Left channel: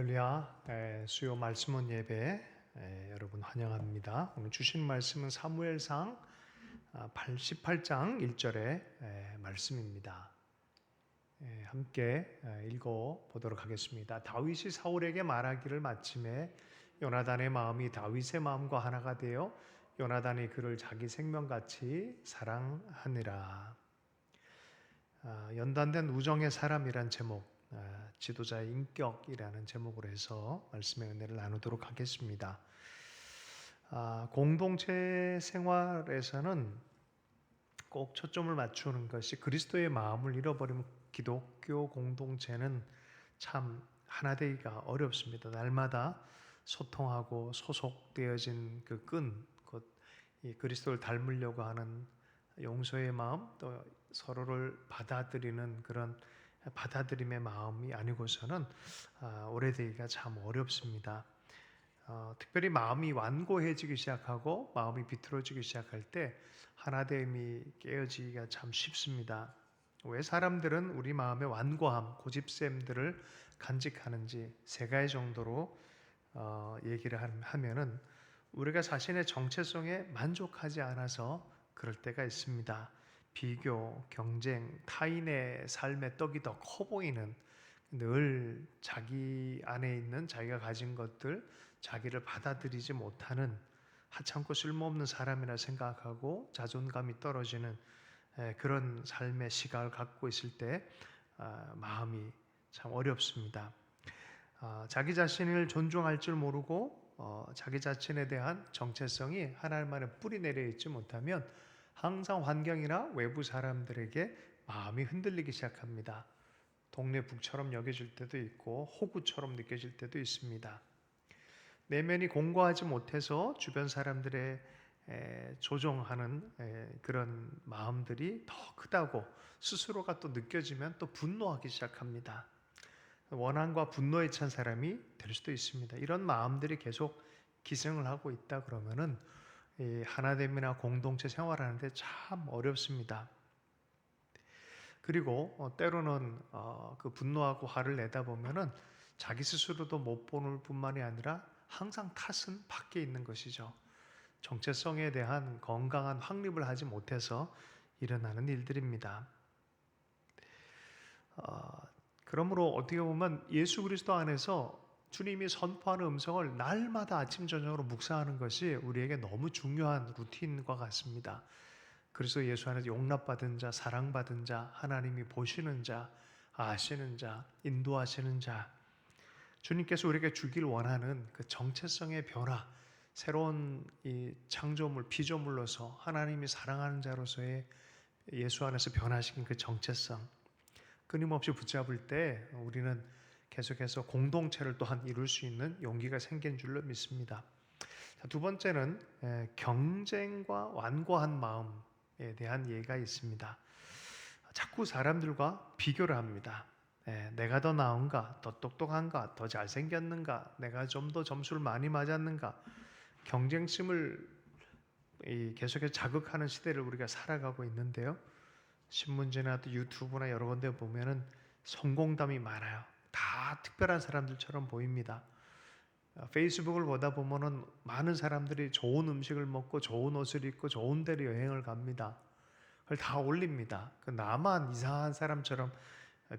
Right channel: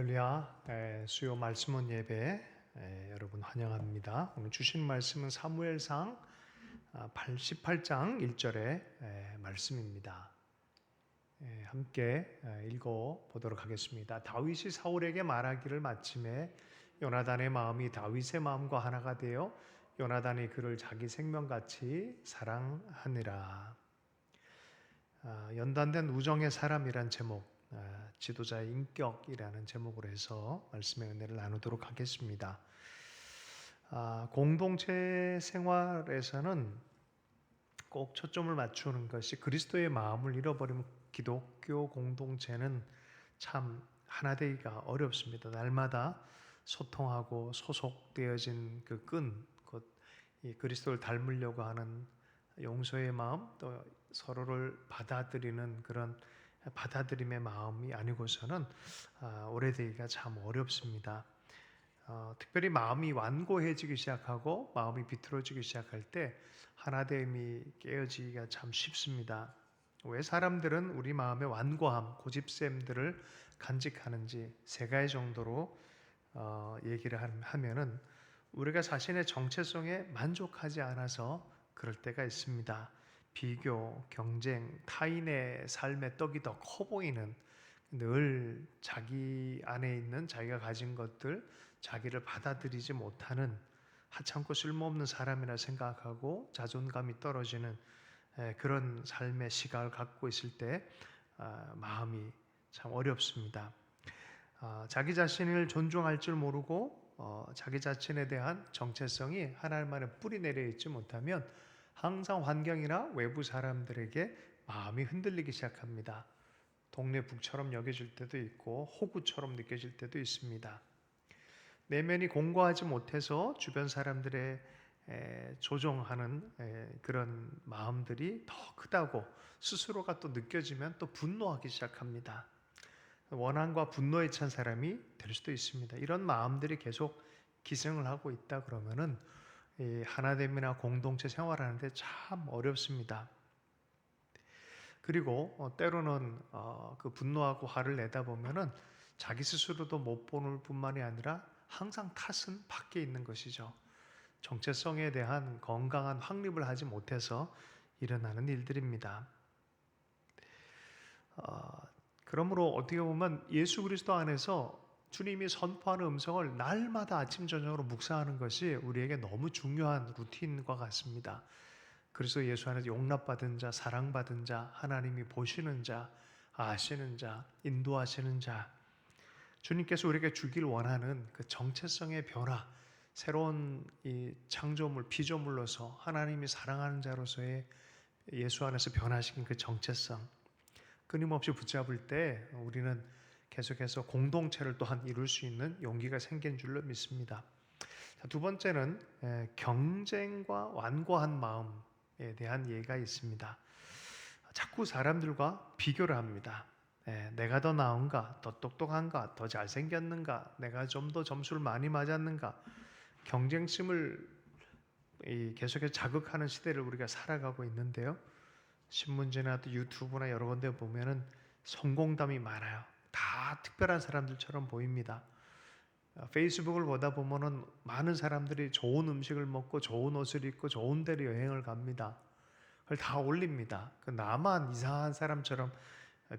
할렐루야. 수요 말씀원 예배 여러분 환영합니다. 오늘 주신 말씀은 사무엘상 88장 1절의 말씀입니다. 함께 읽어 보도록 하겠습니다. 다윗이 사울에게 말하기를 마침에 요나단의 마음이 다윗의 마음과 하나가 되어 요나단이 그를 자기 생명같이 사랑하니라. 연단된 우정의 사람이란 제목, 지도자의 인격이라는 제목으로 해서 말씀의 은혜를 나누도록 하겠습니다. 공동체 생활에서는 꼭 초점을 맞추는 것이 그리스도의 마음을 잃어버리면 기독교 공동체는 참 하나 되기가 어렵습니다. 날마다 소통하고 소속되어진 그 끈, 곧 이 그리스도를 닮으려고 하는 용서의 마음, 또 서로를 받아들이는 그런 받아들임의 마음이 아니고서는 오래되기가 참 어렵습니다. 특별히 마음이 완고해지기 시작하고 마음이 비틀어지기 시작할 때 하나됨이 깨어지기가 참 쉽습니다. 왜 사람들은 우리 마음의 완고함, 고집샘들을 간직하는지 세 가지 정도로 얘기를 하면은 우리가 자신의 정체성에 만족하지 않아서 그럴 때가 있습니다. 비교, 경쟁, 타인의 삶의 떡이 더 커 보이는, 늘 자기 안에 있는 자기가 가진 것들, 자기를 받아들이지 못하는 하찮고 쓸모없는 사람이라 생각하고 자존감이 떨어지는 그런 삶의 시각을 갖고 있을 때 마음이 참 어렵습니다. 자기 자신을 존중할 줄 모르고 자기 자신에 대한 정체성이 하나님만의 뿌리 내려 있지 못하면 항상 환경이나 외부 사람들에게 마음이 흔들리기 시작합니다. 동네 북처럼 여겨질 때도 있고 호구처럼 느껴질 때도 있습니다. 내면이 공고하지 못해서 주변 사람들의 조종하는 그런 마음들이 더 크다고 스스로가 또 느껴지면 또 분노하기 시작합니다. 원한과 분노에 찬 사람이 될 수도 있습니다. 이런 마음들이 계속 기승을 하고 있다 그러면은 하나됨이나 공동체 생활하는데 참 어렵습니다. 그리고 때로는 그 분노하고 화를 내다 보면은 자기 스스로도 못 보는 뿐만이 아니라 항상 탓은 밖에 있는 것이죠. 정체성에 대한 건강한 확립을 하지 못해서 일어나는 일들입니다. 그러므로 어떻게 보면 예수 그리스도 안에서 주님이 선포하는 음성을 날마다 아침 저녁으로 묵상하는 것이 우리에게 너무 중요한 루틴과 같습니다. 그래서 예수 안에서 용납받은 자, 사랑받은 자, 하나님이 보시는 자, 아시는 자, 인도하시는 자, 주님께서 우리에게 주길 원하는 그 정체성의 변화, 새로운 이 창조물, 피조물로서 하나님이 사랑하는 자로서의 예수 안에서 변화시킨 그 정체성, 끊임없이 붙잡을 때 우리는 계속해서 공동체를 또한 이룰 수 있는 용기가 생긴 줄로 믿습니다. 두 번째는 경쟁과 완고한 마음에 대한 예가 있습니다. 자꾸 사람들과 비교를 합니다. 내가 더 나은가, 더 똑똑한가, 더 잘생겼는가, 내가 좀 더 점수를 많이 맞았는가, 경쟁심을 계속해서 자극하는 시대를 우리가 살아가고 있는데요. 신문지나 또 유튜브나 여러 군데 보면은 성공담이 많아요. 다 특별한 사람들처럼 보입니다. 페이스북을 보다 보면은 많은 사람들이 좋은 음식을 먹고 좋은 옷을 입고 좋은 데로 여행을 갑니다. 그걸 다 올립니다. 나만 이상한 사람처럼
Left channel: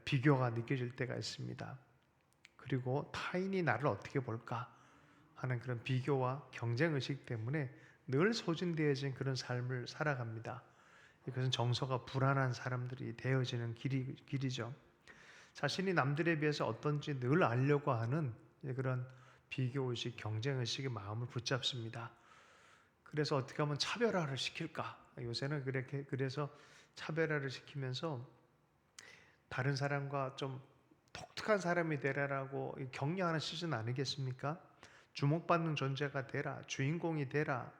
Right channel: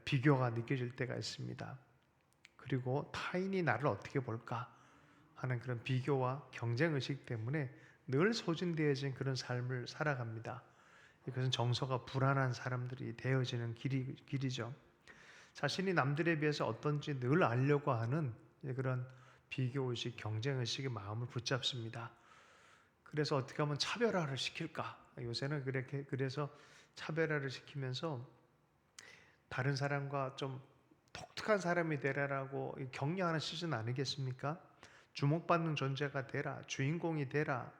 비교가 느껴질 때가 있습니다. 그리고 타인이 나를 어떻게 볼까 하는 그런 비교와 경쟁의식 때문에 늘 소진되어진 그런 삶을 살아갑니다. 이것은 정서가 불안한 사람들이 되어지는 길이죠. 자신이 남들에 비해서 어떤지 늘 알려고 하는 그런 비교의식, 경쟁의식의 마음을 붙잡습니다. 그래서 어떻게 하면 차별화를 시킬까? 요새는 그래서 차별화를 시키면서 다른 사람과 좀 독특한 사람이 되라라고 격려하는 시즌 아니겠습니까? 주목받는 존재가 되라, 주인공이 되라,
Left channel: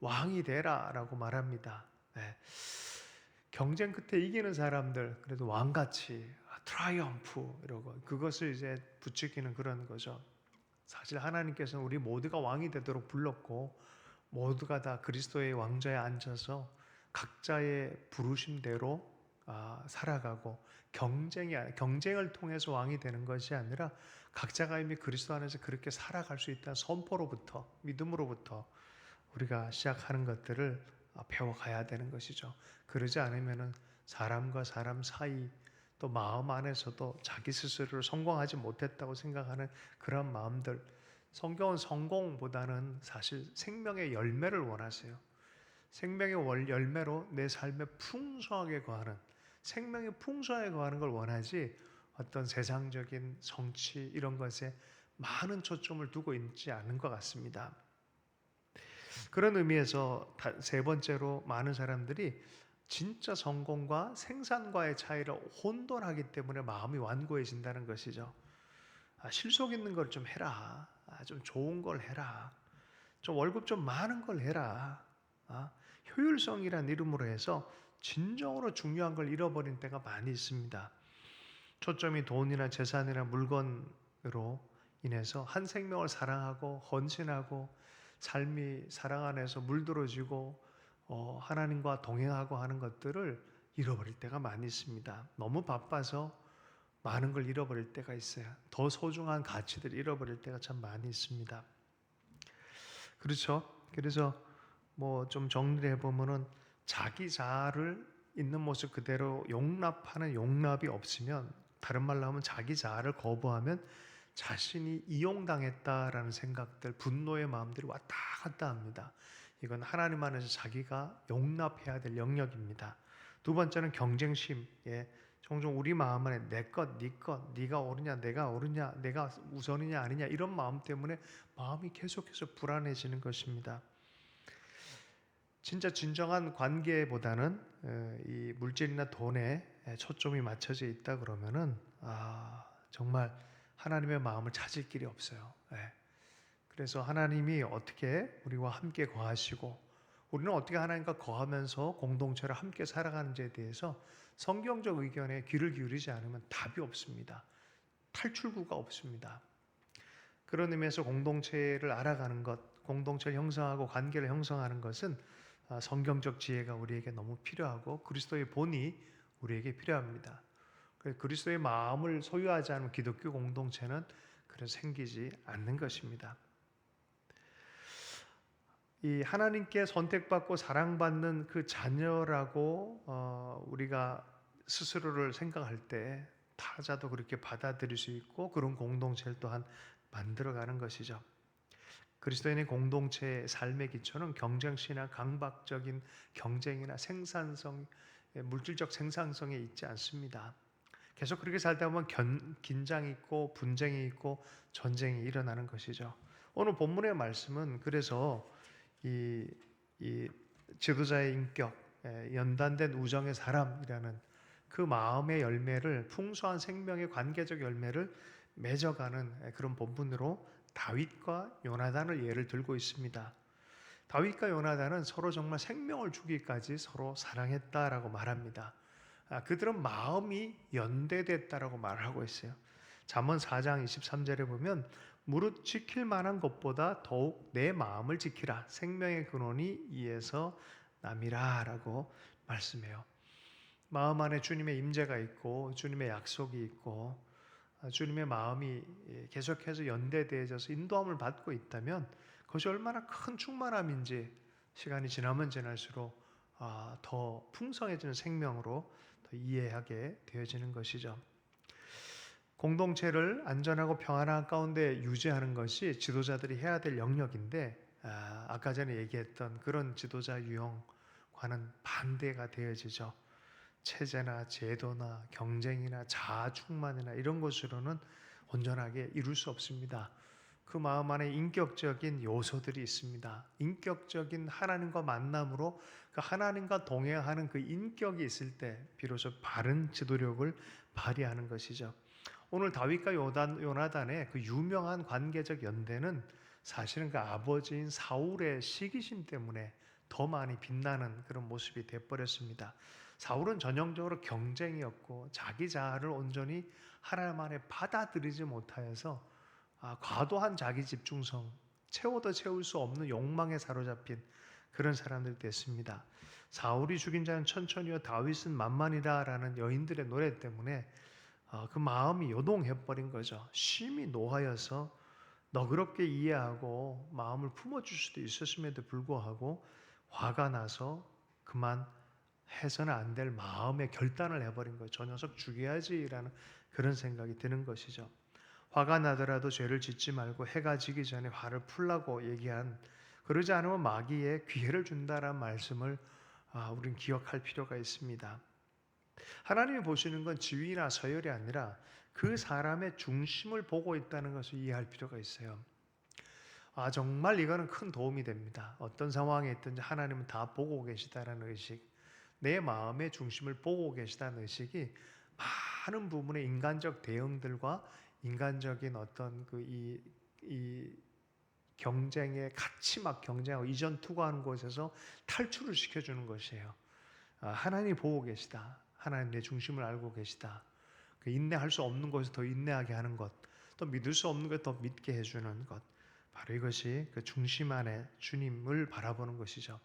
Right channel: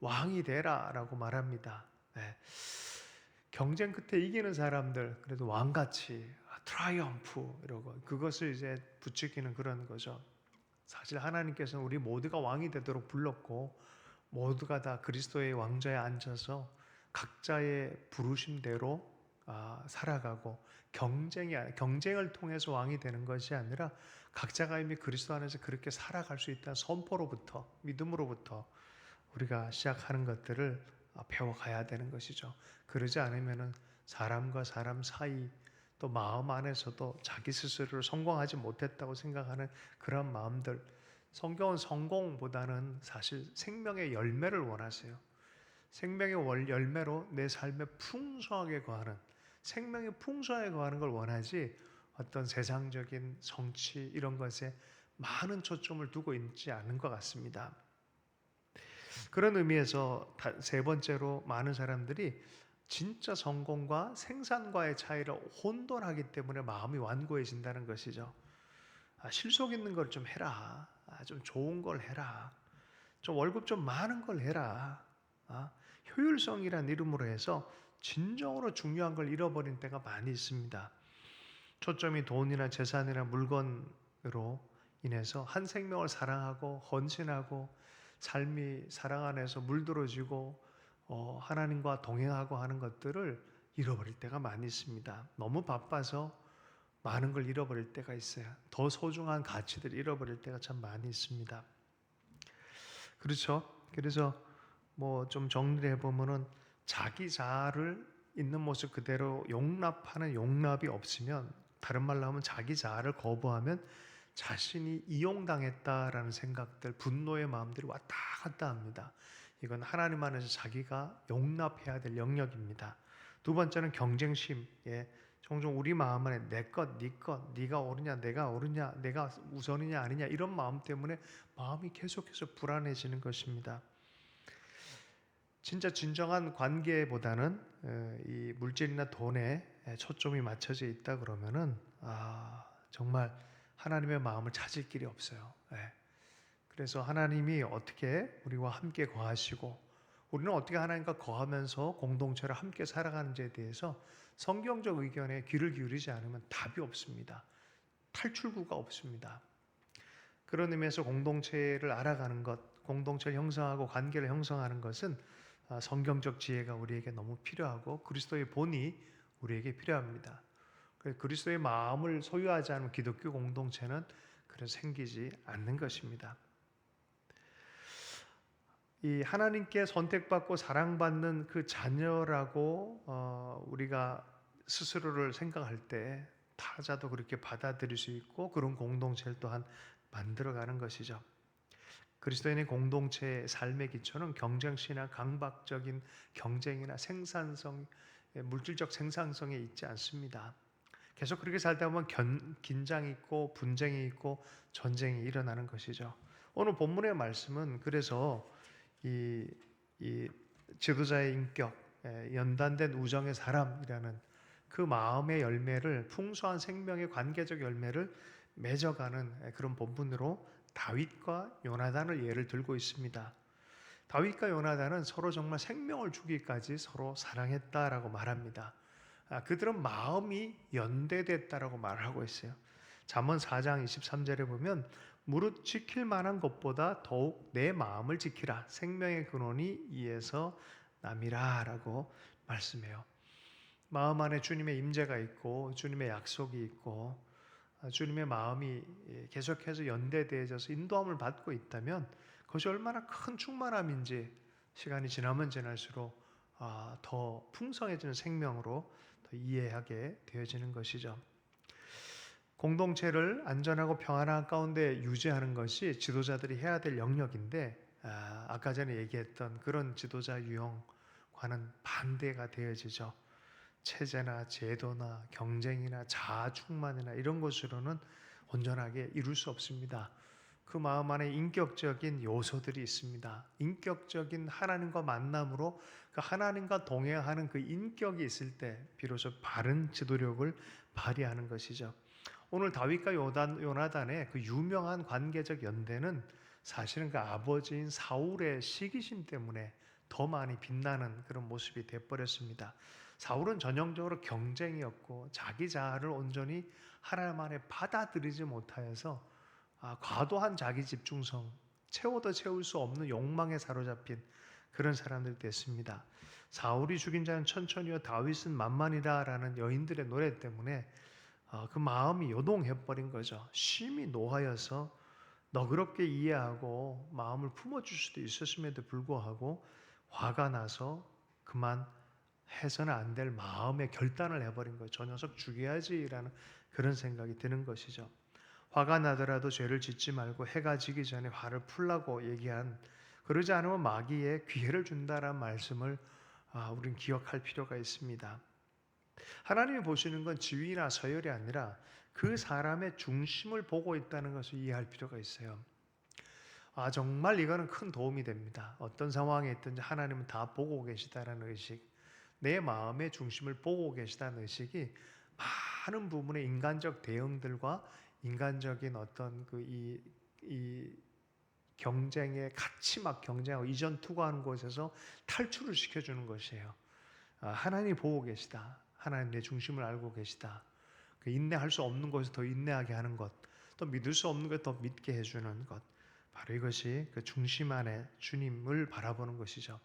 왕이 되라 라고 말합니다. 경쟁 끝에 이기는 사람들, 그래도 왕같이 트라이엄프 이러고 그것을 이제 부추기는 그런 거죠. 사실 하나님께서는 우리 모두가 왕이 되도록 불렀고 모두가 다 그리스도의 왕좌에 앉아서 각자의 부르심대로 살아가고 경쟁을 통해서 왕이 되는 것이 아니라 각자가 이미 그리스도 안에서 그렇게 살아갈 수 있다는 선포로부터 믿음으로부터 우리가 시작하는 것들을 배워가야 되는 것이죠. 그러지 않으면은 사람과 사람 사이 또 마음 안에서도 자기 스스로를 성공하지 못했다고 생각하는 그런 마음들, 성경은 성공보다는 사실 생명의 열매를 원하세요. 생명의 열매로 내 삶에 풍성하게 거하는, 생명이 풍성하게 거하는 걸 원하지 어떤 세상적인 성취 이런 것에 많은 초점을 두고 있지 않은 것 같습니다. 그런 의미에서 세 번째로 많은 사람들이 진짜 성공과 생산과의 차이를 혼돈하기 때문에 마음이 완고해진다는 것이죠. 실속 있는 걸 좀 해라. 좀 좋은 걸 해라. 좀 월급 좀 많은 걸 해라. 효율성이란 이름으로 해서 진정으로 중요한 걸 잃어버린 때가 많이 있습니다. 초점이 돈이나 재산이나 물건으로 인해서 한 생명을 사랑하고 헌신하고 삶이 사랑 안에서 물들어지고 하나님과 동행하고 하는 것들을 잃어버릴 때가 많이 있습니다. 너무 바빠서 많은 걸 잃어버릴 때가 있어요. 더 소중한 가치들을 잃어버릴 때가 참 많이 있습니다. 그렇죠? 그래서 뭐 좀 정리를 해보면은 자기 자아를 있는 모습 그대로 용납하는 용납이 없으면, 다른 말로 하면 자기 자아를 거부하면 자신이 이용당했다라는 생각들, 분노의 마음들이 왔다 갔다 합니다. 이건 하나님 안에서 자기가 용납해야 될 영역입니다. 두 번째는 경쟁심. 종종 우리 마음 안에 내 것, 네 것, 네가 옳으냐, 내가 옳으냐, 내가 우선이냐 아니냐 이런 마음 때문에 마음이 계속해서 불안해지는 것입니다. 진짜 진정한 관계보다는 이 물질이나 돈에 초점이 맞춰져 있다 그러면은 정말 하나님의 마음을 찾을 길이 없어요. 그래서 하나님이 어떻게 우리와 함께 거하시고 우리는 어떻게 하나님과 거하면서 공동체를 함께 살아가는지에 대해서 성경적 의견에 귀를 기울이지 않으면 답이 없습니다. 탈출구가 없습니다. 그런 의미에서 공동체를 알아가는 것, 공동체를 형성하고 관계를 형성하는 것은 성경적 지혜가 우리에게 너무 필요하고 그리스도의 본이 우리에게 필요합니다. 그리스도의 마음을 소유하지 않으면 기독교 공동체는 그래서 생기지 않는 것입니다. 이 하나님께 선택받고 사랑받는 그 자녀라고 우리가 스스로를 생각할 때 타자도 그렇게 받아들일 수 있고 그런 공동체를 또한 만들어가는 것이죠. 그리스도인의 공동체의 삶의 기초는 경쟁심이나 강박적인 경쟁이나 생산성, 물질적 생산성에 있지 않습니다. 계속 그렇게 살다 보면 긴장이 있고 분쟁이 있고 전쟁이 일어나는 것이죠. 오늘 본문의 말씀은 그래서 이 지도자의 인격, 연단된 우정의 사람이라는 그 마음의 열매를, 풍성한 생명의 관계적 열매를 맺어가는 그런 본문으로 다윗과 요나단을 예를 들고 있습니다. 다윗과 요나단은 서로 정말 생명을 주기까지 서로 사랑했다라고 말합니다. 그들은 마음이 연대됐다라고 말하고 있어요. 잠언 4장 23절에 보면 무릇 지킬 만한 것보다 더욱 내 마음을 지키라. 생명의 근원이 이에서 남이라 라고 말씀해요. 마음 안에 주님의 임재가 있고 주님의 약속이 있고 주님의 마음이 계속해서 연대되어져서 인도함을 받고 있다면 그것이 얼마나 큰 충만함인지 시간이 지나면 지날수록 더 풍성해지는 생명으로 더 이해하게 되어지는 것이죠. 공동체를 안전하고 평안한 가운데 유지하는 것이 지도자들이 해야 될 영역인데 아까 전에 얘기했던 그런 지도자 유형과는 반대가 되어지죠. 체제나 제도나 경쟁이나 자아 충만이나 이런 것으로는 온전하게 이룰 수 없습니다. 그 마음 안에 인격적인 요소들이 있습니다. 인격적인 하나님과 만남으로 그 하나님과 동행하는 그 인격이 있을 때 비로소 바른 지도력을 발휘하는 것이죠. 오늘 다윗과 요나단의 그 유명한 관계적 연대는 사실은 그 아버지인 사울의 시기심 때문에 더 많이 빛나는 그런 모습이 되어버렸습니다. 사울은 전형적으로 경쟁이었고 자기 자아를 온전히 하나님 안에 받아들이지 못하여서 과도한 자기 집중성, 채워도 채울 수 없는 욕망에 사로잡힌 그런 사람들 됐습니다. 사울이 죽인 자는 천천히요 다윗은 만만이다라는 여인들의 노래 때문에 그 마음이 요동해버린 거죠. 심히 노하여서 너그럽게 이해하고 마음을 품어줄 수도 있었음에도 불구하고 화가 나서 그만 해서는 안 될 마음의 결단을 해버린 거예요. 저 녀석 죽여야지라는 그런 생각이 드는 것이죠. 화가 나더라도 죄를 짓지 말고 해가 지기 전에 화를 풀라고 얘기한, 그러지 않으면 마귀에 기회를 준다라는 말씀을 우리는 기억할 필요가 있습니다. 하나님이 보시는 건 지위나 서열이 아니라 그 사람의 중심을 보고 있다는 것을 이해할 필요가 있어요. 정말 이거는 큰 도움이 됩니다. 어떤 상황에 있든지 하나님은 다 보고 계시다라는 의식, 내 마음의 중심을 보고 계시다는 의식이 많은 부분의 인간적 대응들과 인간적인 어떤 이 경쟁에 같이 막 경쟁하고 이전 투구하는 곳에서 탈출을 시켜주는 것이에요. 하나님이 보고 계시다. 하나님 내 중심을 알고 계시다. 그 인내할 수 없는 것을 더 인내하게 하는 것, 또 믿을 수 없는 것 더 믿게 해주는 것, 바로 이것이 그 중심 안에 주님을 바라보는 것이죠.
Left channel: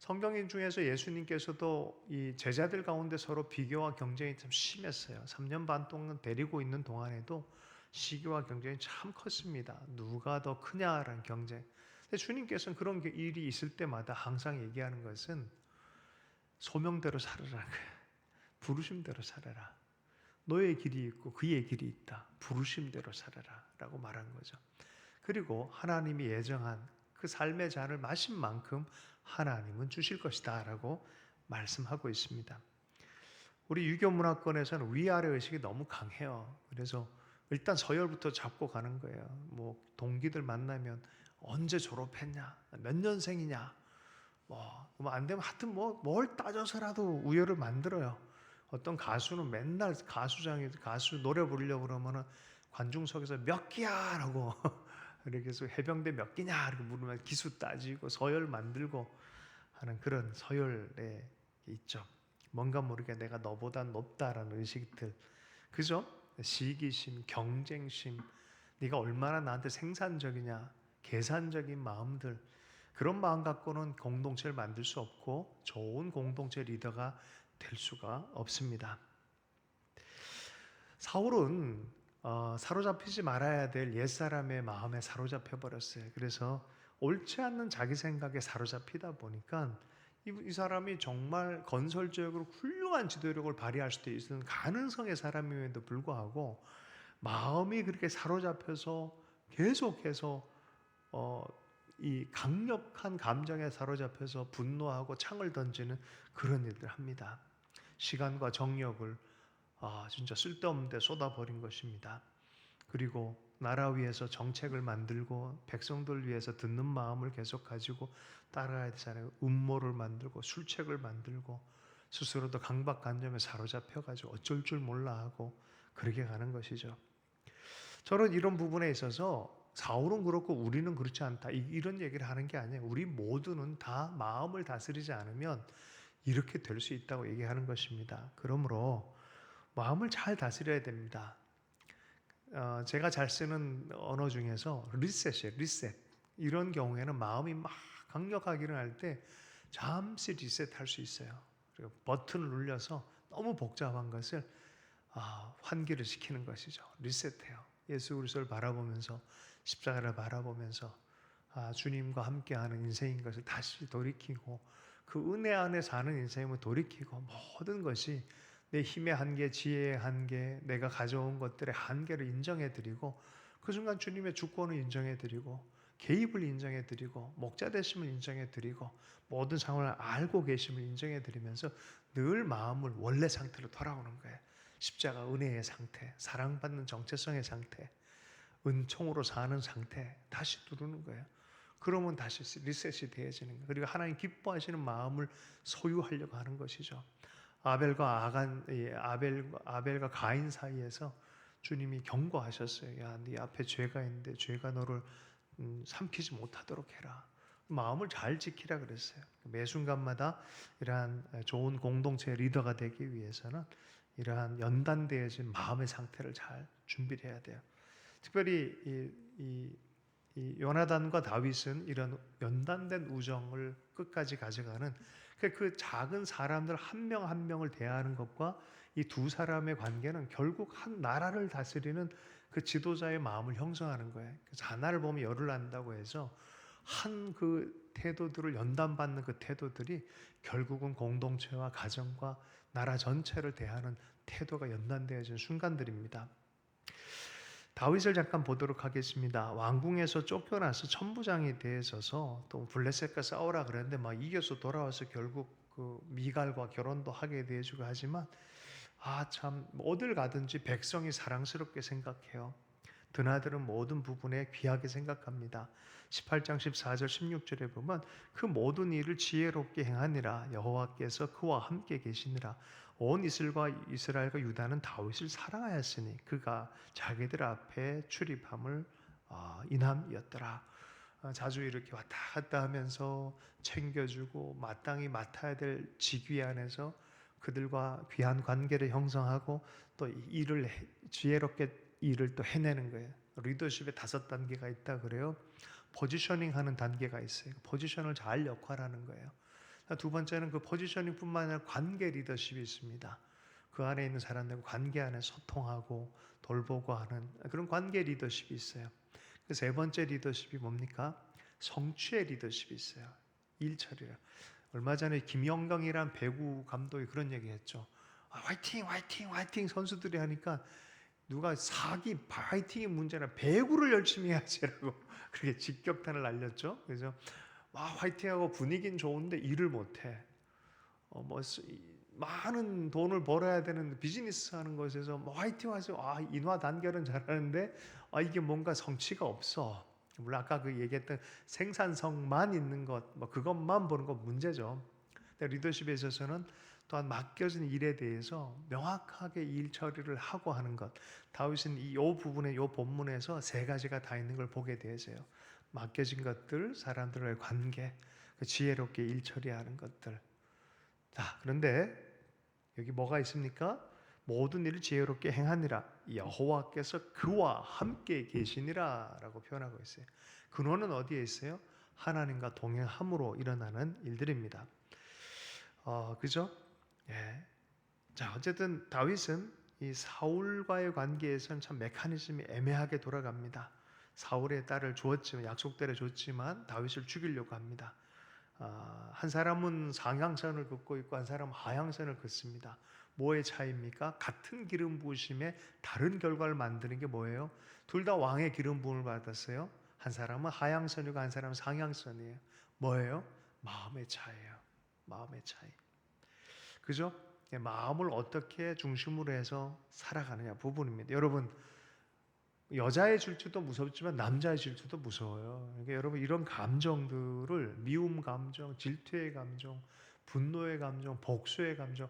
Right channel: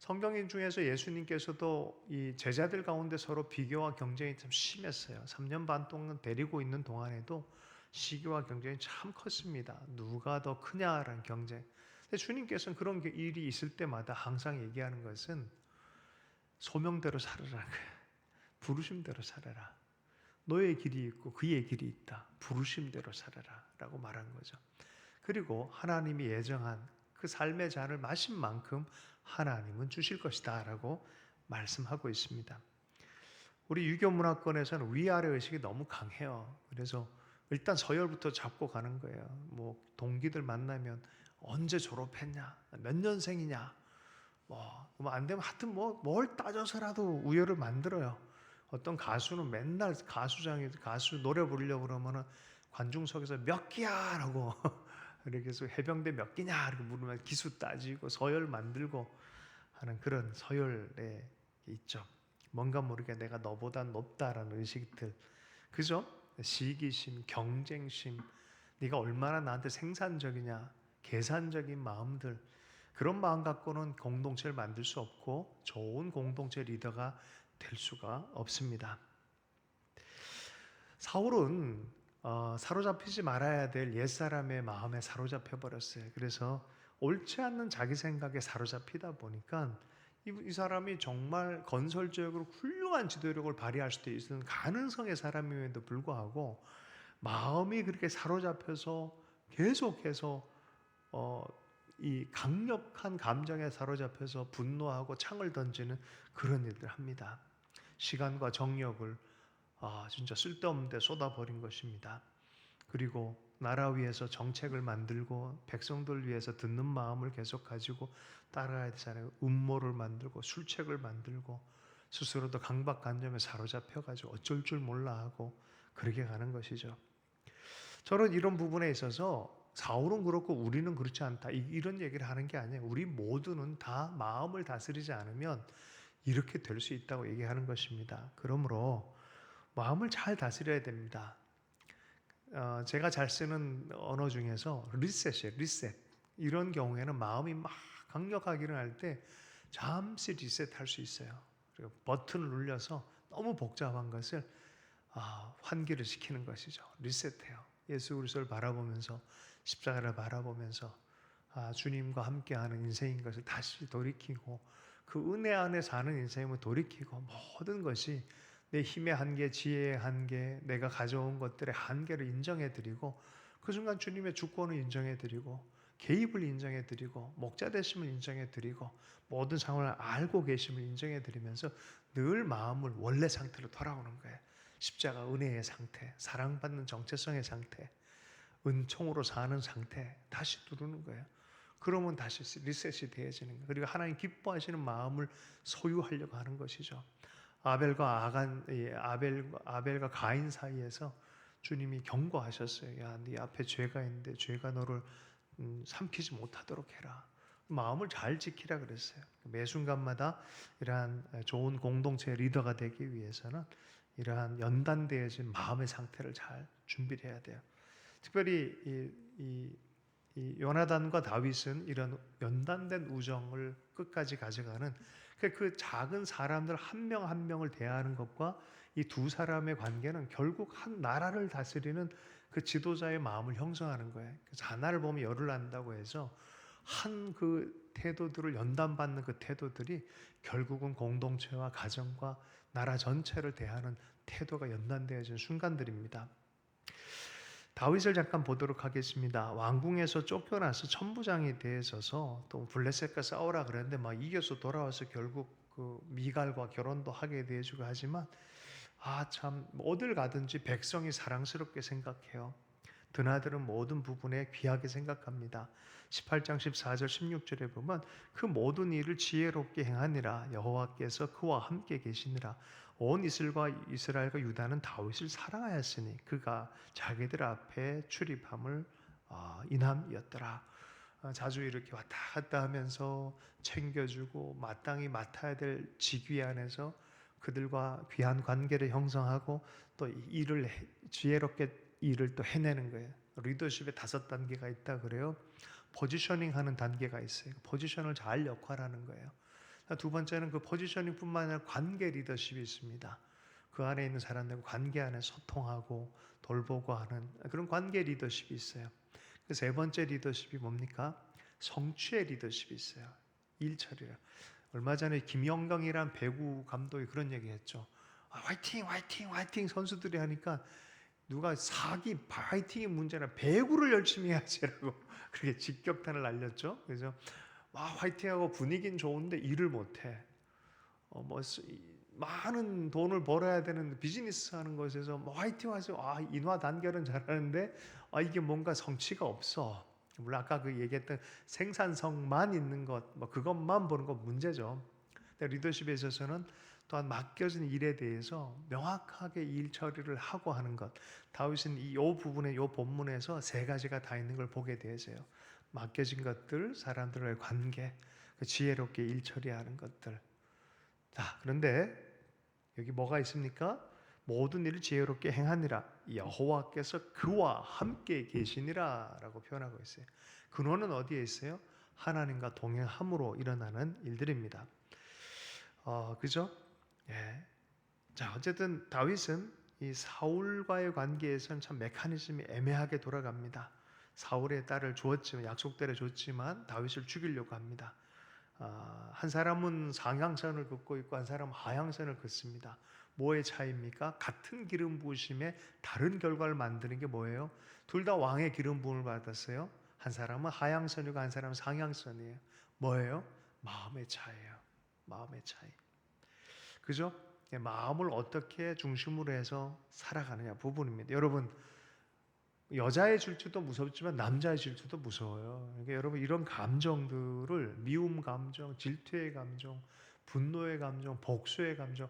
성경 중에서 예수님께서도 이 제자들 가운데 서로 비교와 경쟁이 참 심했어요. 3년 반 동안 데리고 있는 동안에도 시기와 경쟁이 참 컸습니다. 누가 더 크냐라는 경쟁. 근데 주님께서는 그런 일이 있을 때마다 항상 얘기하는 것은 소명대로 살아라. 부르심대로 살아라. 너의 길이 있고 그의 길이 있다. 부르심대로 살아라 라고 말한 거죠. 그리고 하나님이 예정한 그 삶의 잔을 마신 만큼 하나님은 주실 것이다 라고 말씀하고 있습니다. 우리 유교 문화권에서는 위아래 의식이 너무 강해요. 그래서 일단 서열부터 잡고 가는 거예요. 뭐 동기들 만나면 언제 졸업했냐, 몇 년생이냐, 뭐 안 되면 하여튼 뭘 따져서라도 우열을 만들어요. 어떤 가수는 맨날 가수장에 가수 노래 부르려고 그러면은 관중석에서 몇 기야라고 이렇게 해서 해병대 몇 기냐 이렇게 물으면 기수 따지고 서열 만들고 하는 그런 서열에 있죠. 뭔가 모르게 내가 너보다 높다라는 의식들, 그죠? 시기심, 경쟁심, 네가 얼마나 나한테 생산적이냐, 계산적인 마음들, 그런 마음 갖고는 공동체를 만들 수 없고 좋은 공동체 리더가 될 수가 없습니다. 사울은 사로잡히지 말아야 될 옛사람의 마음에 사로잡혀 버렸어요. 그래서 옳지 않는 자기 생각에 사로잡히다 보니까 이 사람이 정말 건설적으로 훌륭한 지도력을 발휘할 수도 있는 가능성의 사람임에도 불구하고 마음이 그렇게 사로잡혀서 계속해서 이 강력한 감정에 사로잡혀서 분노하고 창을 던지는 그런 일들 합니다. 시간과 정력을 진짜 쓸데없는 데 쏟아버린 것입니다. 그리고 나라 위해서 정책을 만들고 백성들 위해서 듣는 마음을 계속 가지고 따라야 되잖아요. 음모를 만들고 술책을 만들고 스스로도 강박관념에 사로잡혀가지고 어쩔 줄 몰라 하고 그렇게 가는 것이죠. 저는 이런 부분에 있어서 사울은 그렇고 우리는 그렇지 않다 이런 얘기를 하는 게 아니에요. 우리 모두는 다 마음을 다스리지 않으면 이렇게 될 수 있다고 얘기하는 것입니다. 그러므로 마음을 잘 다스려야 됩니다. 제가 잘 쓰는 언어 중에서 리셋이에요. 리셋. 이런 경우에는 마음이 막 강력하게 일어날 때 잠시 리셋할 수 있어요. 그리고 버튼을 눌려서 너무 복잡한 것을 환기를 시키는 것이죠. 리셋해요. 예수 그리스도를 바라보면서 십자가를 바라보면서 주님과 함께하는 인생인 것을 다시 돌이키고 그 은혜 안에 사는 인생을 돌이키고 모든 것이 내 힘의 한계, 지혜의 한계, 내가 가져온 것들의 한계를 인정해드리고 그 순간 주님의 주권을 인정해드리고 개입을 인정해드리고 목자 되심을 인정해드리고 모든 상황을 알고 계심을 인정해드리면서 늘 마음을 원래 상태로 돌아오는 거예요. 십자가 은혜의 상태, 사랑받는 정체성의 상태, 은총으로 사는 상태 다시 누르는 거예요. 그러면 다시 리셋이 되어지는 거예요. 그리고 하나님 기뻐하시는 마음을 소유하려고 하는 것이죠. 아벨과 가인 사이에서 주님이 경고하셨어요. 야, 네 앞에 죄가 있는데 죄가 너를 삼키지 못하도록 해라. 마음을 잘 지키라 그랬어요. 매 순간마다 이러한 좋은 공동체 리더가 되기 위해서는 이러한 연단되어진 마음의 상태를 잘 준비를 해야 돼요. 특별히 이 이 요나단과 다윗은 이런 연단된 우정을 끝까지 가져가는 그 작은 사람들 한 명 한 명을 대하는 것과 이 두 사람의 관계는 결국 한 나라를 다스리는 그 지도자의 마음을 형성하는 거예요. 그래서 하나를 보면 열을 난다고 해서 한 그 태도들을 연단받는 그 태도들이 결국은 공동체와 가정과 나라 전체를 대하는 태도가 연단되어진 순간들입니다. 다윗을 잠깐 보도록 하겠습니다. 왕궁에서 쫓겨나서 천부장이 되어서 또 블레셋과 싸우라 그랬는데 막 이겨서 돌아와서 결국 그 미갈과 결혼도 하게 되어주고 하지만 참 어딜 가든지 백성이 사랑스럽게 생각해요. 드나드는 모든 부분에 귀하게 생각합니다. 18장 14절 16절에 보면 그 모든 일을 지혜롭게 행하니라 여호와께서 그와 함께 계시니라 온 이스라엘과 유다는 다윗을 사랑하였으니 그가 자기들 앞에 출입함을 인함이었더라. 자주 이렇게 왔다 갔다 하면서 챙겨주고 마땅히 맡아야 될 직위 안에서 그들과 귀한 관계를 형성하고 또 일을 지혜롭게 일을 또 해내는 거예요. 리더십에 5단계가 있다 그래요. 포지셔닝 하는 단계가 있어요. 포지션을 잘 역할하는 거예요. 두 번째는 그 포지셔닝뿐만 아니라 관계 리더십이 있습니다. 그 안에 있는 사람들과 관계 안에 소통하고 돌보고 하는 그런 관계 리더십이 있어요. 그 세 번째 리더십이 뭡니까? 성취의 리더십이 있어요. 일 처리라. 얼마 전에 김영경이란 배구 감독이 그런 얘기했죠. 화이팅, 화이팅, 화이팅 선수들이 하니까 누가 사기, 화이팅이 문제나 배구를 열심히 해야지라고 그렇게 직격탄을 날렸죠. 그래서 화이팅하고 분위기는 좋은데 일을 못해. 많은 돈을 벌어야 되는 비즈니스 하는 것에서 화이팅 하세요. 인화 단결은 잘하는데 이게 뭔가 성취가 없어. 물론 아까 그 얘기했던 생산성만 있는 것, 그것만 보는 건 문제죠. 근데 리더십에 있어서는 또한 맡겨진 일에 대해서 명확하게 일 처리를 하고 하는 것. 다윗은 이 부분에, 이 본문에서 3가지가 다 있는 걸 보게 되어서요. 맡겨진 것들, 사람들과의 관계, 지혜롭게 일 처리하는 것들. 자, 그런데 여기 뭐가 있습니까? 모든 일을 지혜롭게 행하니라 여호와께서 그와 함께 계시니라 라고 표현하고 있어요. 근원은 어디에 있어요? 하나님과 동행함으로 일어나는 일들입니다. 그죠? 예. 자, 어쨌든 다윗은 이 사울과의 관계에서는 참 메커니즘이 애매하게 돌아갑니다. 사울의 딸을 주었지만 약속대로 줬지만 다윗을 죽이려고 합니다. 한 사람은 상향선을 긋고 있고 한 사람은 하향선을 긋습니다. 뭐의 차이입니까? 같은 기름 부으심에 다른 결과를 만드는 게 뭐예요? 둘 다 왕의 기름 부음을 받았어요. 한 사람은 하향선이고 한 사람은 상향선이에요. 뭐예요? 마음의 차이예요. 마음의 차이. 그죠? 마음을 어떻게 중심으로 해서 살아가느냐 부분입니다. 여러분, 여자의 질투도 무섭지만 남자의 질투도 무서워요. 그러니까 여러분 이런 감정들을 미움 감정, 질투의 감정, 분노의 감정, 복수의 감정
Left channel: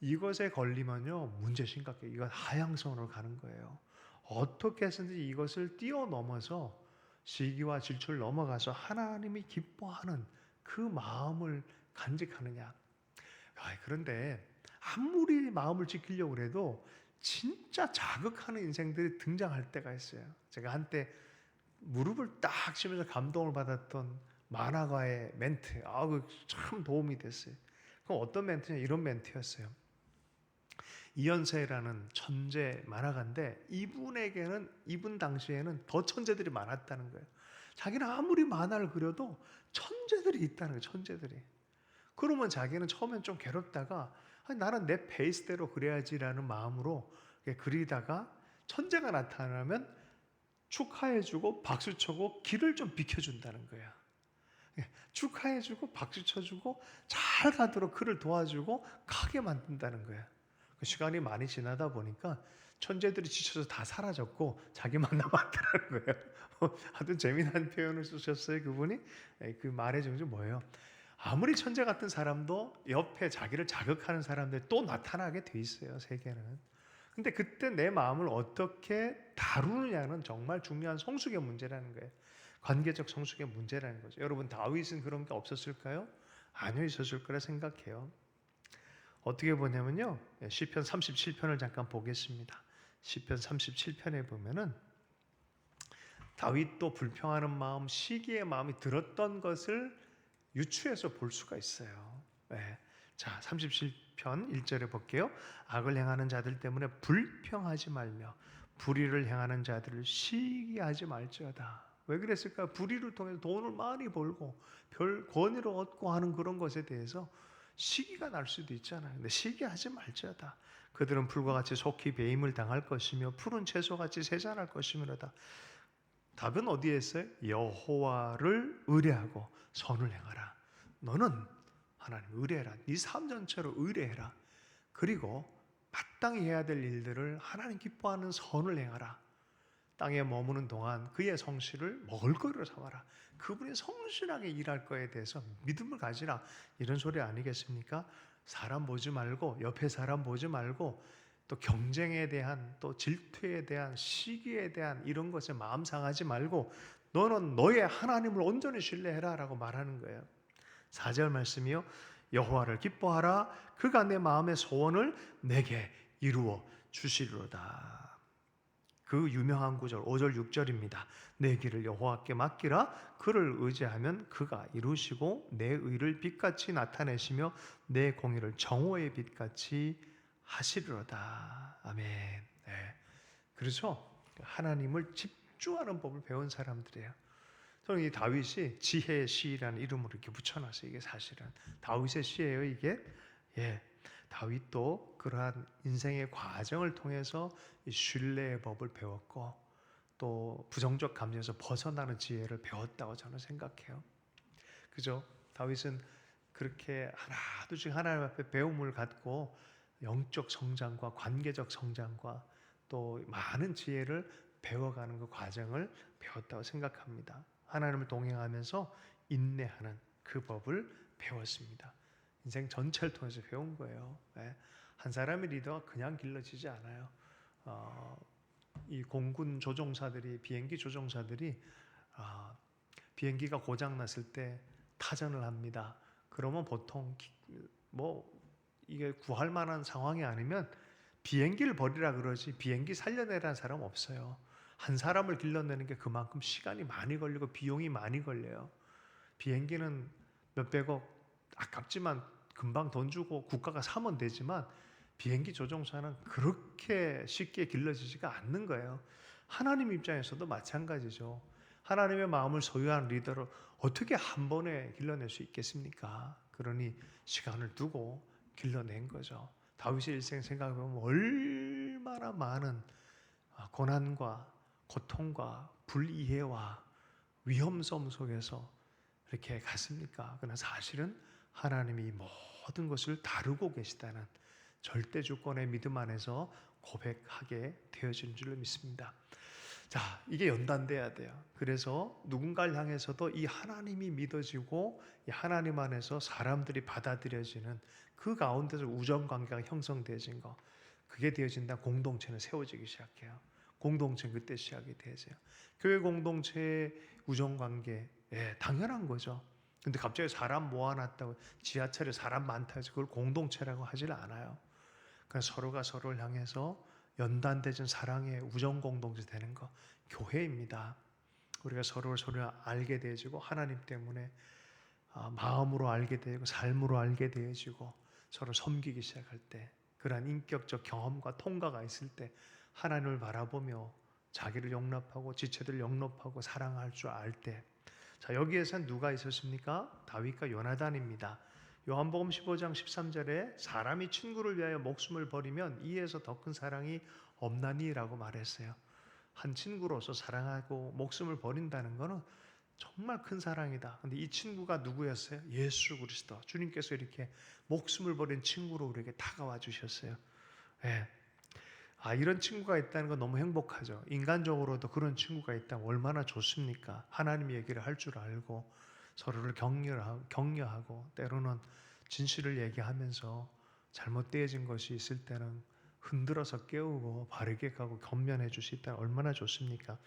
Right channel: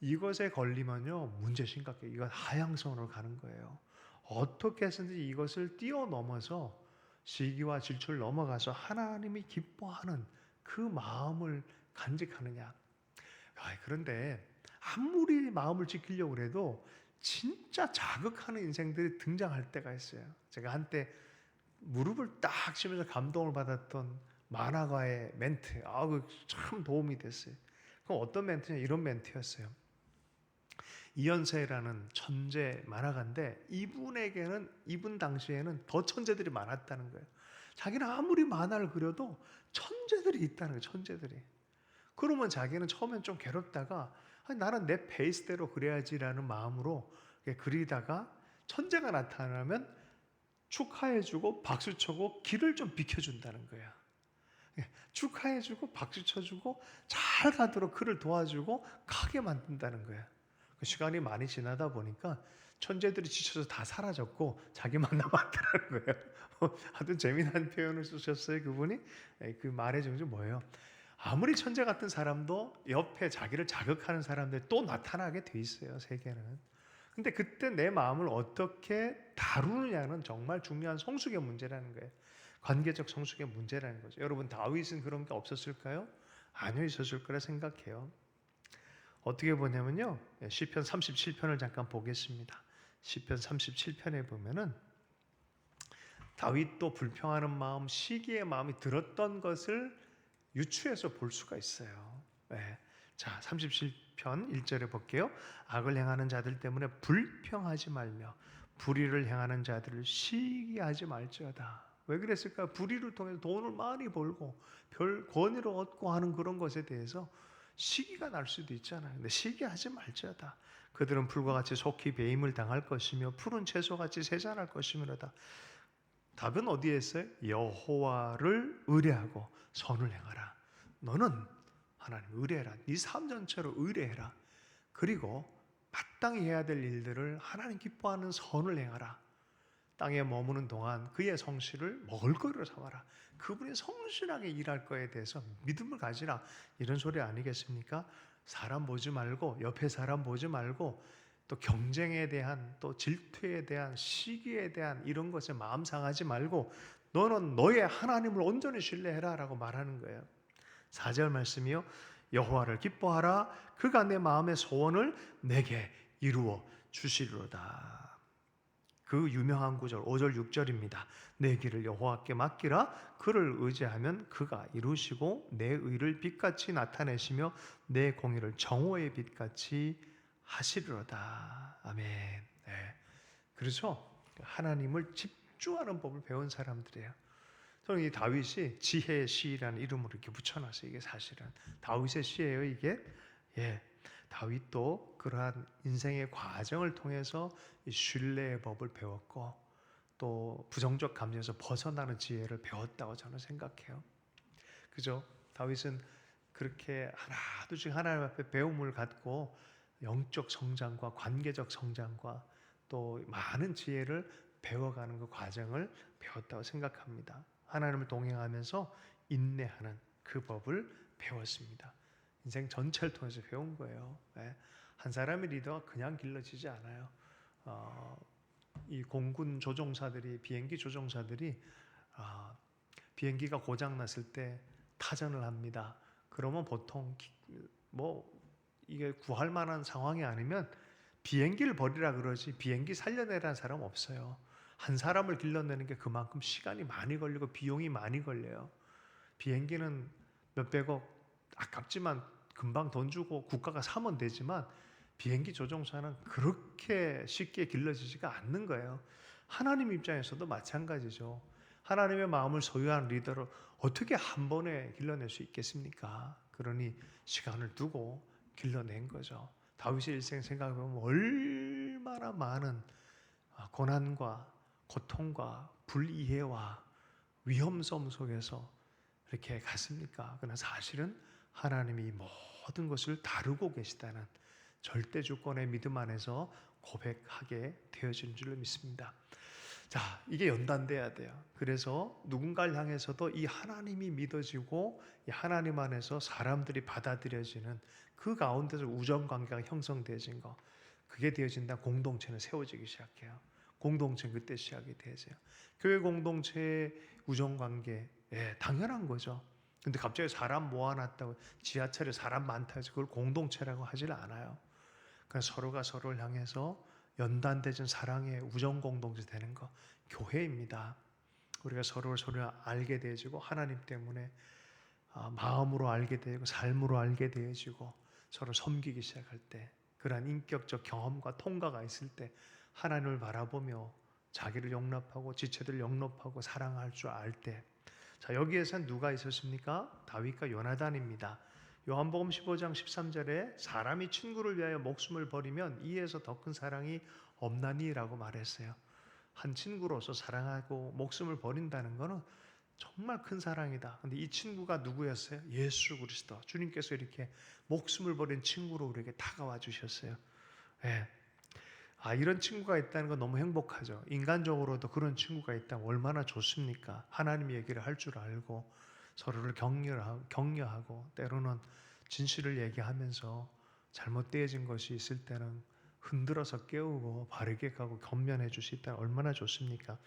이것에 걸리면요 문제 심각해요. 이건 하향선으로 가는 거예요. 어떻게 해서든지 이것을 뛰어넘어서 시기와 질투를 넘어가서 하나님이 기뻐하는 그 마음을 간직하느냐. 그런데 아무리 마음을 지키려고 해도 진짜 자극하는 인생들이 등장할 때가 있어요. 제가 한때 무릎을 딱 치면서 감동을 받았던 만화가의 멘트, 참 도움이 됐어요. 그럼 어떤 멘트냐? 이런 멘트였어요. 이현세라는 천재 만화가인데 이분 당시에는 더 천재들이 많았다는 거예요. 자기는 아무리 만화를 그려도 천재들이 있다는 거예요. 천재들이. 그러면 자기는 처음엔 좀 괴롭다가 나는 내 페이스대로 그려야지라는 마음으로 그리다가 천재가 나타나면 축하해주고 박수쳐고 길을 좀 비켜준다는 거야. 축하해주고 박수쳐주고 잘 가도록 그를 도와주고 가게 만든다는 거야. 시간이 많이 지나다 보니까 천재들이 지쳐서 다 사라졌고 자기만 남았다는 거예요. 하여튼 재미난 표현을 쓰셨어요. 그분이. 그 말의 정신 뭐예요? 아무리 천재 같은 사람도 옆에 자기를 자극하는 사람들이 또 나타나게 돼 있어요. 세계는. 근데 그때 내 마음을 어떻게 다루느냐는 정말 중요한 성숙의 문제라는 거예요. 관계적 성숙의 문제라는 거죠. 여러분 다윗은 그런 게 없었을까요? 아니요, 있었을 거라 생각해요. 어떻게 보냐면요. 시편 37편을 잠깐 보겠습니다. 시편 37편에 보면은 다윗도 불평하는 마음, 시기의 마음이 들었던 것을 유추해서 볼 수가 있어요. 네. 자, 37편 1절에 볼게요. 악을 행하는 자들 때문에 불평하지 말며 불의를 행하는 자들을 시기하지 말지어다. 왜 그랬을까? 불의를 통해서 돈을 많이 벌고 별 권위를 얻고 하는 그런 것에 대해서 시기가 날 수도 있잖아요. 근데 시기하지 말지어다. 그들은 풀과 같이 속히 배임을 당할 것이며 푸른 채소같이 세잔할 것이므로다. 답은 어디에 있어요? 여호와를 의뢰하고 선을 행하라. 너는 하나님 의뢰해라. 네 삶 전체로 의뢰해라. 그리고 마땅히 해야 될 일들을 하나님 기뻐하는 선을 행하라. 땅에 머무는 동안 그의 성실을 먹을거리로 삼아라. 그분이 성실하게 일할 거에 대해서 믿음을 가지라. 이런 소리 아니겠습니까? 사람 보지 말고, 옆에 사람 보지 말고, 또 경쟁에 대한, 또 질투에 대한, 시기에 대한 이런 것에 마음 상하지 말고 너는 너의 하나님을 온전히 신뢰해라 라고 말하는 거예요. 4절 말씀이요. 여호와를 기뻐하라. 그가 내 마음의 소원을 내게 이루어 주시리로다. 그 유명한 구절 5절 6절입니다. 내 길을 여호와께 맡기라. 그를 의지하면 그가 이루시고 내 의를 빛같이 나타내시며 내 공의를 정오의 빛같이 하시리로다. 아멘. 네. 그래서 하나님을 집중하는 법을 배운 사람들이에요. 저는 이 다윗이 지혜의 시라는 이름으로 이렇게 붙여놨어요. 이게 사실은 다윗의 시예요. 이게 다윗도 그러한 인생의 과정을 통해서 이 신뢰의 법을 배웠고 또 부정적 감정에서 벗어나는 지혜를 배웠다고 저는 생각해요. 그죠? 다윗은 그렇게 하나둘씩 하나님 앞에 배움을 갖고 영적 성장과 관계적 성장과 또 많은 지혜를 배워가는 그 과정을 배웠다고 생각합니다. 하나님을 동행하면서 인내하는 그 법을 배웠습니다. 인생 전체를 통해서 배운 거예요. 한 사람의 리더가 그냥 길러지지 않아요. 이 공군 조종사들이, 비행기 조종사들이 비행기가 고장 났을 때 타전을 합니다. 그러면 보통 이게 구할 만한 상황이 아니면 비행기를 버리라 그러지 비행기 살려내라는 사람 없어요. 한 사람을 길러내는 게 그만큼 시간이 많이 걸리고 비용이 많이 걸려요. 비행기는 몇백억 아깝지만 금방 돈 주고 국가가 사면 되지만 비행기 조종사는 그렇게 쉽게 길러지지가 않는 거예요. 하나님 입장에서도 마찬가지죠. 하나님의 마음을 소유한 리더를 어떻게 한 번에 길러낼 수 있겠습니까? 그러니 시간을 두고 길러낸 거죠. 다윗의 일생 생각해보면 얼마나 많은 고난과 고통과 불이해와 위험성 속에서 이렇게 갔습니까? 그러나 사실은 하나님이 모든 것을 다루고 계시다는 절대 주권의 믿음 안에서 고백하게 되어진 줄로 믿습니다. 자, 이게 연단돼야 돼요. 그래서 누군가를 향해서도 이 하나님이 믿어지고 이 하나님 안에서 사람들이 받아들여지는 그 가운데서 우정관계가 형성되어진 거, 그게 되어진다. 공동체는 세워지기 시작해요. 공동체는 그때 시작이 되어져요. 교회 공동체의 우정관계, 당연한 거죠. 근데 갑자기 사람 모아놨다고 지하철에 사람 많다 해서 그걸 공동체라고 하질 않아요. 그러니까 서로가 서로를 향해서 연단되진 사랑의 우정 공동체 되는 거, 교회입니다. 우리가 서로를 알게 되어지고 하나님 때문에 마음으로 알게 되고 삶으로 알게 되어지고 서로 섬기기 시작할 때, 그러한 인격적 경험과 통과가 있을 때 하나님을 바라보며 자기를 용납하고 지체들을 용납하고 사랑할 줄 알 때, 자, 여기에선 누가 있었습니까? 다윗과 요나단입니다. 요한복음 15장 13절에 사람이 친구를 위하여 목숨을 버리면 이에서 더 큰 사랑이 없나니라고 말했어요. 한 친구로서 사랑하고 목숨을 버린다는 것은 정말 큰 사랑이다. 근데 이 친구가 누구였어요? 예수 그리스도. 주님께서 이렇게 목숨을 버린 친구로 우리에게 다가와 주셨어요. 이런 친구가 있다는 건 너무 행복하죠. 인간적으로도 그런 친구가 있다면 얼마나 좋습니까? 하나님 얘기를 할 줄 알고 서로를 격려하고 때로는 진실을 얘기하면서 잘못되어진 것이 있을 때는 흔들어서 깨우고 바르게 가고 겸면해 줄 수 있다면 얼마나 좋습니까?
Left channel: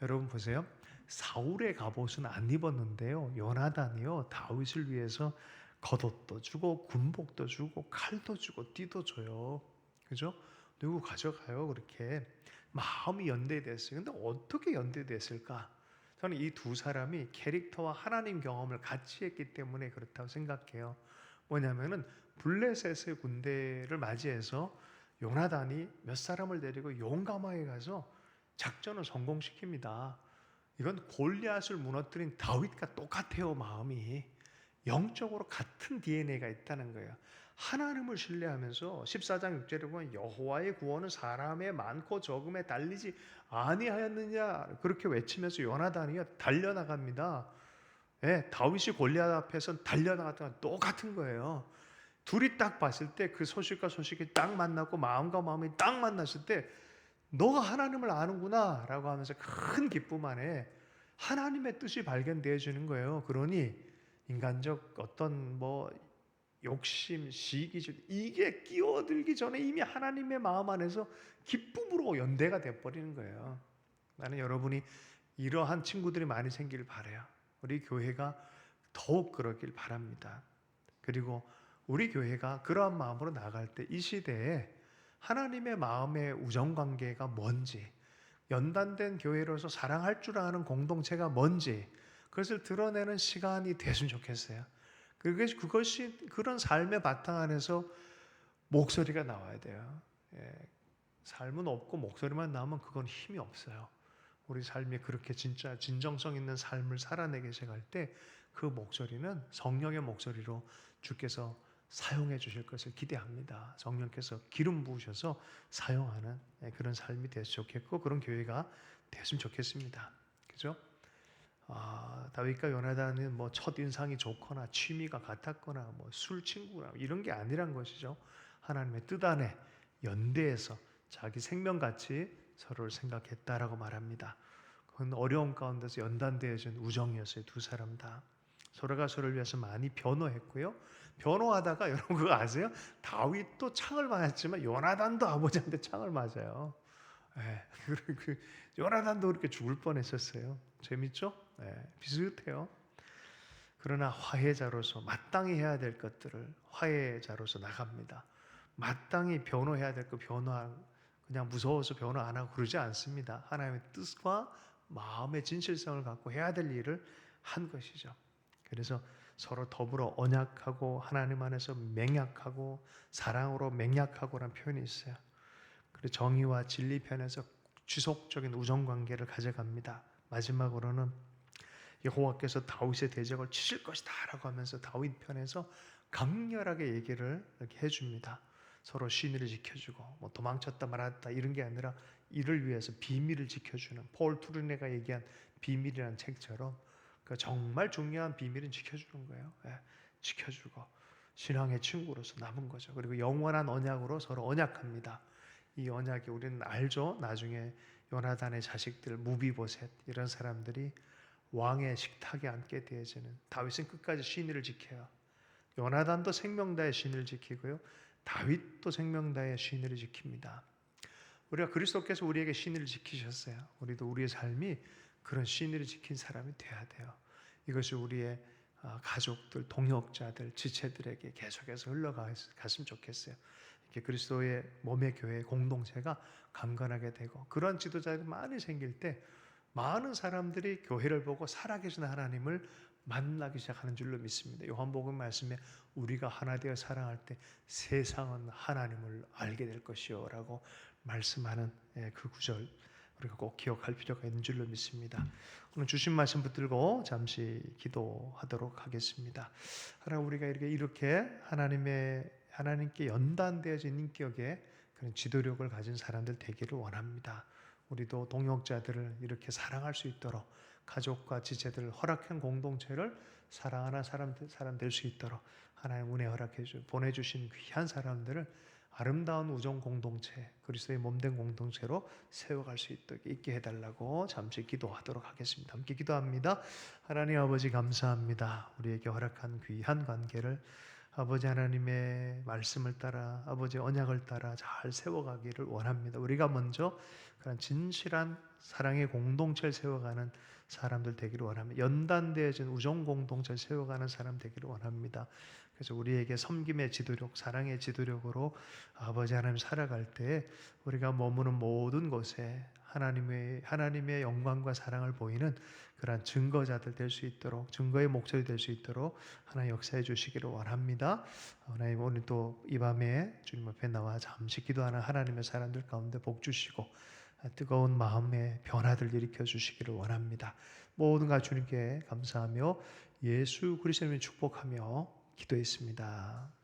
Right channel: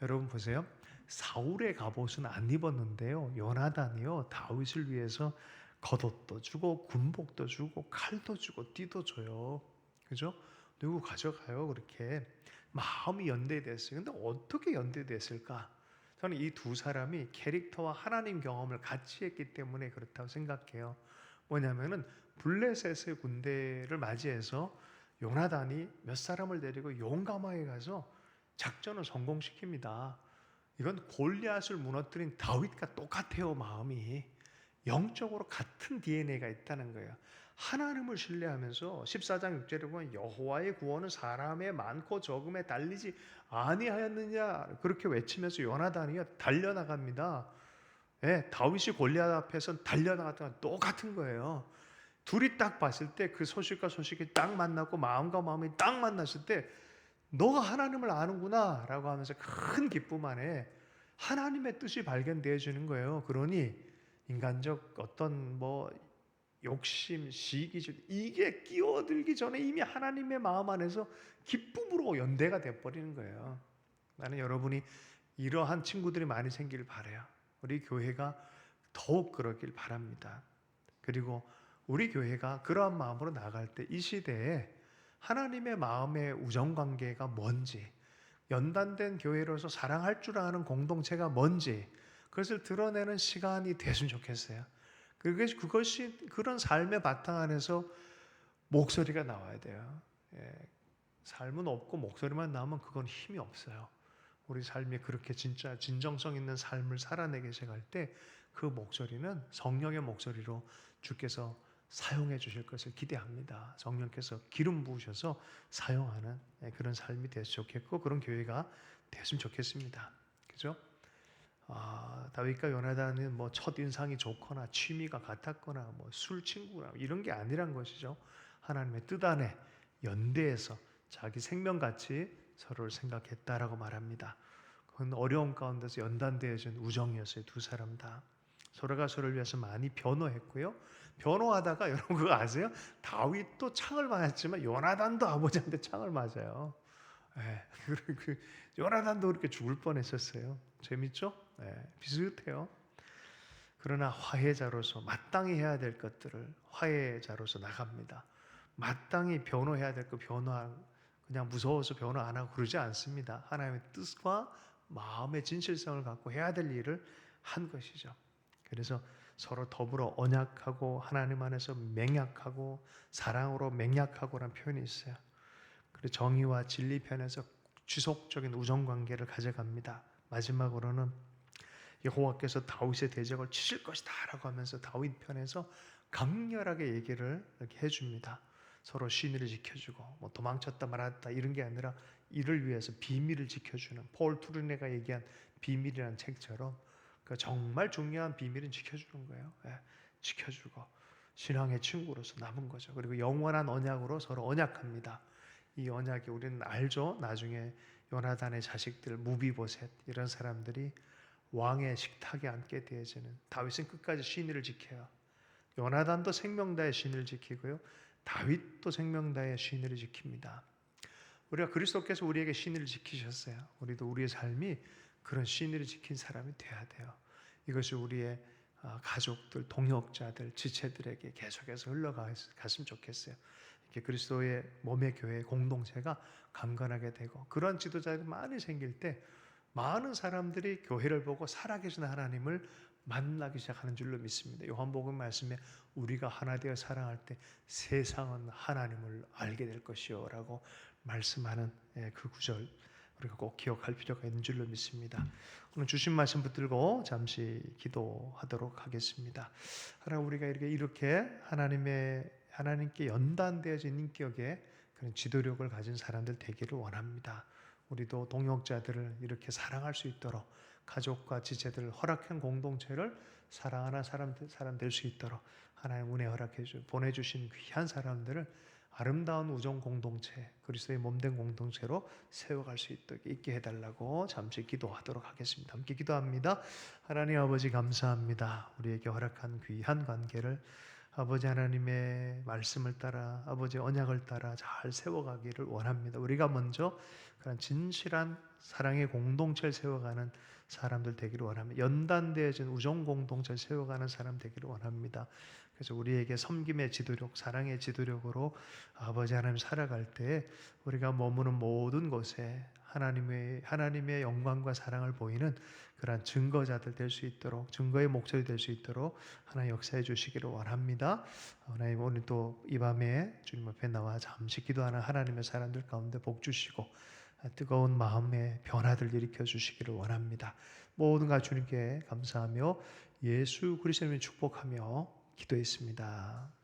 여러분 보세요. 사울의 갑옷은 안 입었는데요. 요나단이요, 다윗을 위해서 겉옷도 주고 군복도 주고 칼도 주고 띠도 줘요. 그죠? 누구 가져가요 그렇게. 마음이 연대됐어요. 근데 어떻게 연대됐을까? 저는 이 두 사람이 캐릭터와 하나님 경험을 같이 했기 때문에 그렇다고 생각해요. 뭐냐면은 블레셋의 군대를 맞이해서 요나단이 몇 사람을 데리고 용감하게 가서 작전을 성공시킵니다. 이건 골리앗을 무너뜨린 다윗과 똑같아요, 마음이. 영적으로 같은 DNA가 있다는 거예요. 하나님을 신뢰하면서 14장 6절에 보면 여호와의 구원은 사람의 많고 적음에 달리지 아니하였느냐 그렇게 외치면서 요나단이 달려나갑니다. 예, 다윗이 골리앗 앞에서 달려나갔던 건 똑같은 거예요. 둘이 딱 봤을 때 그 소식과 소식이 딱 만났고 마음과 마음이 딱 만났을 때 너가 하나님을 아는구나 라고 하면서 큰 기쁨 안에 하나님의 뜻이 발견되어지는 거예요. 그러니 인간적 어떤 욕심, 시기질 이게 끼어들기 전에 이미 하나님의 마음 안에서 기쁨으로 연대가 돼버리는 거예요. 나는 여러분이 이러한 친구들이 많이 생기길 바라요. 우리 교회가 더욱 그러길 바랍니다. 그리고 우리 교회가 그러한 마음으로 나갈 때 이 시대에 하나님의 마음의 우정관계가 뭔지, 연단된 교회로서 사랑할 줄 아는 공동체가 뭔지 그것을 드러내는 시간이 됐으면 좋겠어요. 그것이 그런 삶의 바탕 안에서 목소리가 나와야 돼요. 예, 삶은 없고 목소리만 나오면 그건 힘이 없어요. 우리 삶이 그렇게 진짜 진정성 있는 삶을 살아내게 시작할 때 그 목소리는 성령의 목소리로 주께서 사용해 주실 것을 기대합니다. 성령께서 기름 부으셔서 사용하는 그런 삶이 됐으면 좋겠고 그런 교회가 됐으면 좋겠습니다. 그죠? 다윗과 요나단은 첫 인상이 좋거나 취미가 같았거나 술 친구나 이런 게 아니란 것이죠. 하나님의 뜻 안에 연대해서 자기 생명같이 서로를 생각했다라고 말합니다. 그건 어려운 가운데서 연단되어진 우정이었어요. 두 사람 다. 서로가 서로를 위해서 많이 변호했고요. 변호하다가 여러분 그거 아세요? 다윗도 창을 맞았지만 요나단도 아버지한테 창을 맞아요. 예, 요나단도 그렇게 죽을 뻔했었어요. 재밌죠? 예, 비슷해요. 그러나 화해자로서 마땅히 해야 될 것들을 화해자로서 나갑니다. 마땅히 변호해야 될 거 그냥 무서워서 변호 안 하고 그러지 않습니다. 하나님의 뜻과 마음의 진실성을 갖고 해야 될 일을 한 것이죠. 그래서 서로 더불어 언약하고 하나님 안에서 맹약하고 사랑으로 맹약하고라는 표현이 있어요. 그리고 정의와 진리 편에서 지속적인 우정 관계를 가져갑니다. 마지막으로는 여호와께서 다윗의 대적을 치실 것이다라고 하면서 다윗 편에서 강렬하게 얘기를 이렇게 해줍니다. 서로 신의를 지켜주고 도망쳤다 말았다 이런 게 아니라 이를 위해서 비밀을 지켜주는 폴 투르네가 얘기한 비밀이라는 책처럼 정말 중요한 비밀은 지켜주는 거예요. 예, 지켜주고 신앙의 친구로서 남은 거죠. 그리고 영원한 언약으로 서로 언약합니다. 이 언약이 우리는 알죠. 나중에 요나단의 자식들 무비보셋 이런 사람들이 왕의 식탁에 앉게 되어지는 다윗은 끝까지 신의를 지켜요. 요나단도 생명다의 신의를 지키고요. 다윗도 생명다의 신의를 지킵니다. 우리가 그리스도께서 우리에게 신의를 지키셨어요. 우리도 우리의 삶이 그런 신의를 지킨 사람이 돼야 돼요. 이것이 우리의 가족들, 동역자들, 지체들에게 계속해서 흘러갔으면 좋겠어요. 이렇게 그리스도의 몸의 교회 공동체가 강건하게 되고 그런 지도자들이 많이 생길 때 많은 사람들이 교회를 보고 살아계신 하나님을 만나기 시작하는 줄로 믿습니다. 요한복음 말씀에 우리가 하나 되어 사랑할 때 세상은 하나님을 알게 될 것이요 라고 말씀하는 그 구절 우리가 꼭 기억할 필요가 있는 줄로 믿습니다. 오늘 주신 말씀 붙들고 잠시 기도하도록 하겠습니다. 하나님 우리가 이렇게 하나님께 연단되어진 인격의 그런 지도력을 가진 사람들 되기를 원합니다. 우리도 동역자들을 이렇게 사랑할 수 있도록 가족과 지체들을 허락한 공동체를 사랑하는 사람 될 수 있도록 하나님 은혜 보내주신 귀한 사람들을 아름다운 우정 공동체, 그리스도의 몸된 공동체로 세워갈 수 있게 해달라고 잠시 기도하도록 하겠습니다. 함께 기도합니다. 하나님 아버지 감사합니다. 우리에게 허락한 귀한 관계를 아버지 하나님의 말씀을 따라 아버지 언약을 따라 잘 세워가기를 원합니다. 우리가 먼저 그런 진실한 사랑의 공동체를 세워가는 사람들 되기를 원합니다. 연단되어진 우정 공동체를 세워가는 사람 되기를 원합니다. 그래서 우리에게 섬김의 지도력, 사랑의 지도력으로 아버지 하나님 살아갈 때 우리가 머무는 모든 곳에 하나님의 영광과 사랑을 보이는 그러한 증거자들 될 수 있도록, 증거의 목소리 될 수 있도록 하나님 역사해 주시기를 원합니다. 하나님 오늘 또 이 밤에 주님 앞에 나와 잠시 기도하는 하나님의 사람들 가운데 복 주시고 뜨거운 마음의 변화들 일으켜 주시기를 원합니다. 모든 가 주님께 감사하며 예수 그리스도를 축복하며 기도했습니다.